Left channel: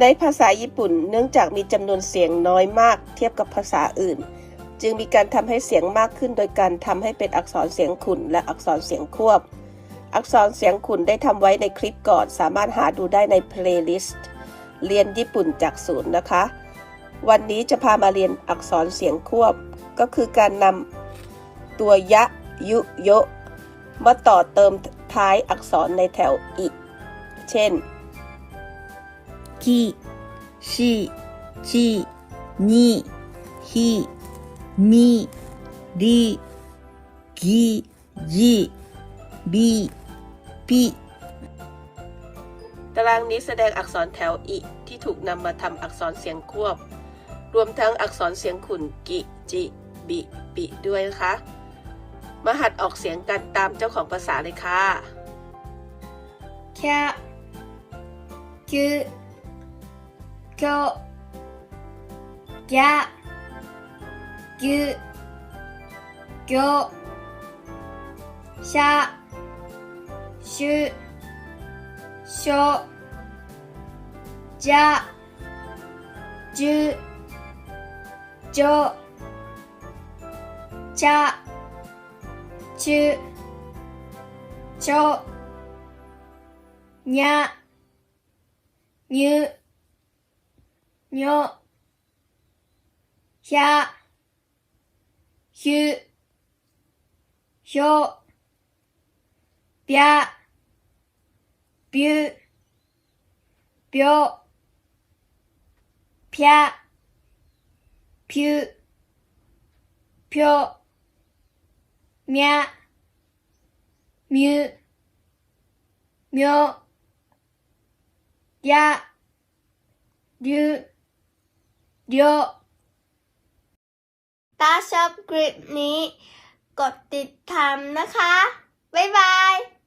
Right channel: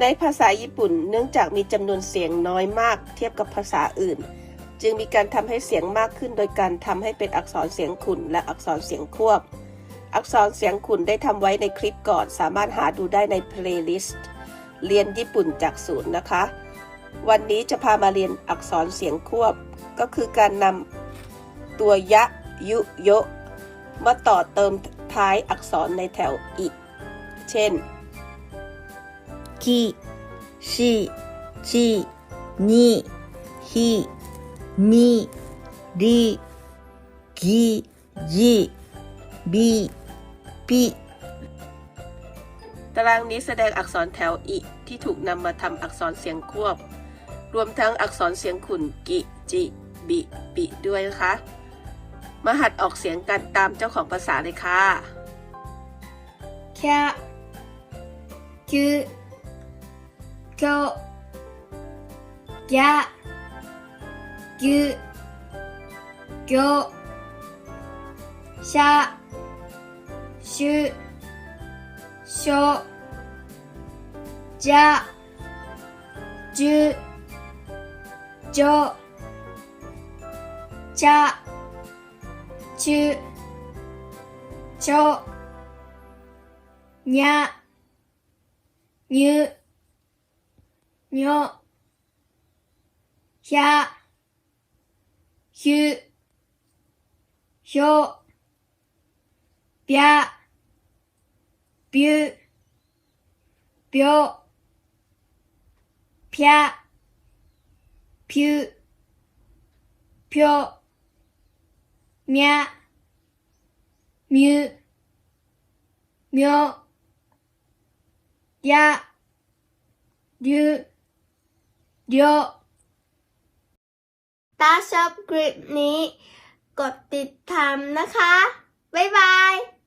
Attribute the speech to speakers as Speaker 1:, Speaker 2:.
Speaker 1: ในภาษาญี่ปุ่นเนื่องจากมีจำนวนเสียงน้อยมากเทียบกับภาษาอื่น จึงมีการทำให้เสียงมากขึ้นโดยการทำให้เป็นอักษรเสียงขุ่นและอักษรเสียงควบ อักษรเสียงขุ่นได้ทำไว้ในคลิปก่อน สามารถหาดูได้ในเพลย์ลิสต์เรียนญี่ปุ่นจากศูนย์นะคะ วันนี้จะพามาเรียนอักษรเสียงควบ ก็คือการนำตัวยะ ยุโยะมาต่อเติมท้ายอักษรในแถวอิ เช่น
Speaker 2: き、し、ち、に、ひ、み、り、ぎ、じ、び、ぴ。
Speaker 1: ตารางนี้แสดงอักษรแถวอิที่ถูกนำมาทำอักษรเสียงควบ รวมทั้งอักษรเสียงขุ่นกิ จิ บิ ปิด้วยนะคะ มาหัดออกเสียงกันตามเจ้าของภาษาเลยค่ะ
Speaker 2: きゃ、きゅ、 きょ、ぎゃ、ぎゅ、ぎょ、しゃ、しゅ、しょ、じゃ、じゅ、じょ、じゃ、ちゅ、ちょ、にゃ、にゅ、にょ、ひゃ、ひゅ、ひょ、びゃ、びゅ、びょ、ぴゃ、ぴゅ、ぴょ、みゃ、みゅ、みょ、や、りゅ、りょ
Speaker 3: ถ้าชอบคลิปนี้ กดติดตามนะคะ บ๊ายบาย